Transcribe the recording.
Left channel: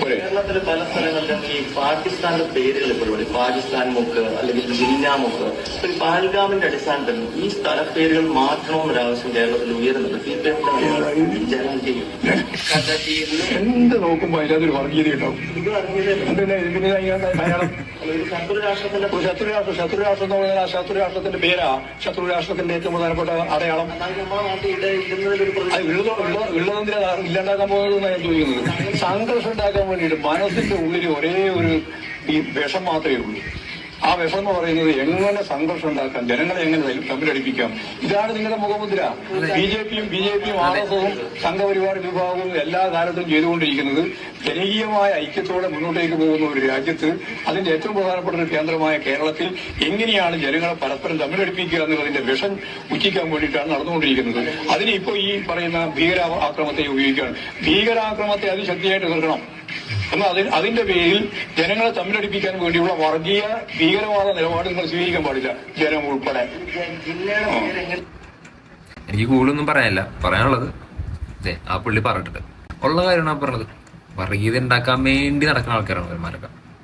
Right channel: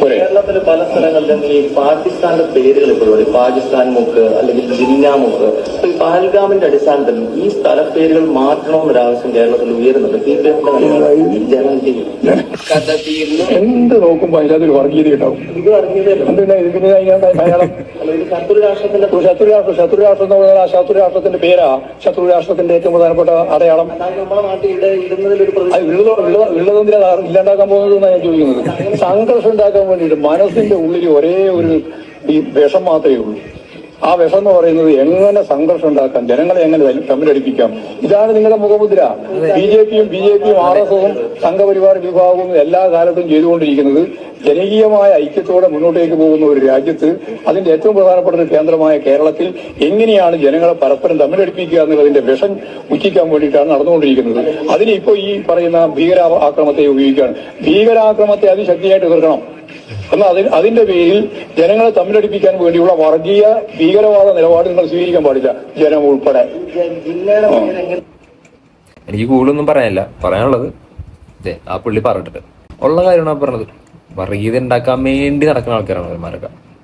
കേരളത്തിലെ പല സ്ഥലങ്ങളിലും ഈ പാകിസ്ഥാന്റെ പേരുകൾ ഇപ്പോഴും പാകിസ്ഥാൻ മുക്ക് അല്ലെങ്കിൽ ജിന്ന മുക്ക്. അപ്പൊ ഈ പഹൽഗാമിന്റെ അടിസ്ഥാനത്തിൽ ഈ സ്ഥലപ്പേരുകൾ മാറ്റണമെന്നൊരാവശ്യം കേരളത്തിൽ ഉയരുന്നുണ്ട്. ജനം ചെയ്യും എന്ത് നോക്കുമ്പോ അതിലൊരു വർഗീയത ഉണ്ടാവും. ഇത് മലയാളം ശത്രുരാഷ്ട്രത്തിന്റെ ശത്രുരാഷ്ട്രം എന്ന് പറഞ്ഞാൽ ആ ശത്രുരാഷ്ട്രത്തിന്റെ പേരാ ശത്രുരാഷ്ട്രത്തിന്റെ ഏറ്റവും പ്രധാനപ്പെട്ട അടയാളം. നമ്മുടെ നാട്ടിൽ ഇടുന്നതിലൊരു ഉള്ളതെന്തിനാ ഇല്ലാണ്ടാക്കാൻ പോകുന്നത് ഞാൻ ചോദിക്കുന്നത്. സംഘർഷം ഉണ്ടാക്കാൻ വേണ്ടിയിട്ട് മനസ്സിന്റെ ഉള്ളിൽ ഒരേ ഒരു ഈ വിഷം മാത്രമേ ഉള്ളൂ. ആ വിഷം എന്ന് പറയുന്നത് എങ്ങനെ സംഘർഷം ഉണ്ടാക്കാം, ജനങ്ങളെ എങ്ങനെ തമ്മിലടിപ്പിക്കാം. ഇതാണ് നിങ്ങളുടെ മുഖമുദ്ര. ബി ജെ പിയും ആർ എസ് എസും സംഘപരിവാർ വിഭാഗവും എല്ലാ കാലത്തും ചെയ്തുകൊണ്ടിരിക്കുന്നത് ജനകീയമായ ഐക്യത്തോടെ മുന്നോട്ടേക്ക് പോകുന്ന ഒരു രാജ്യത്ത്, അതിന്റെ ഏറ്റവും പ്രധാനപ്പെട്ട ഒരു കേന്ദ്രമായ കേരളത്തിൽ എങ്ങനെയാണ് ജനങ്ങളെ പരസ്പരം തമ്മിലടിപ്പിക്കുക എന്നുള്ളതിന്റെ വിഷം ഉച്ചിക്കാൻ വേണ്ടിയിട്ടാണ് നടന്നുകൊണ്ടിരിക്കുന്നത്. അതിന് ഇപ്പോൾ ഈ പറയുന്ന ഭീകരാക്രമത്തെ ഉപയോഗിക്കുകയാണ്. ഭീകരാക്രമത്തെ അതിശക്തിയായിട്ട് എതിർക്കണം. എന്നാൽ അതിന്റെ പേരിൽ ജനങ്ങളെ തമ്മിലടിപ്പിക്കാൻ വേണ്ടിയുള്ള വർഗീയ ഭീകരവാദ നിലപാട് നിങ്ങൾ സ്വീകരിക്കാൻ പാടില്ല, ജനം ഉൾപ്പെടെ. എനിക്ക് കൂടുതലൊന്നും പറയാനില്ല. പറയാനുള്ളത് ആ പുള്ളി പറഞ്ഞിട്ട് ഉള്ള കാര്യമാണ് പറഞ്ഞത്. വർഗീയത ഉണ്ടാക്കാൻ വേണ്ടി നടക്കുന്ന ആൾക്കാരാണ് അവന്മാരൊക്കെ.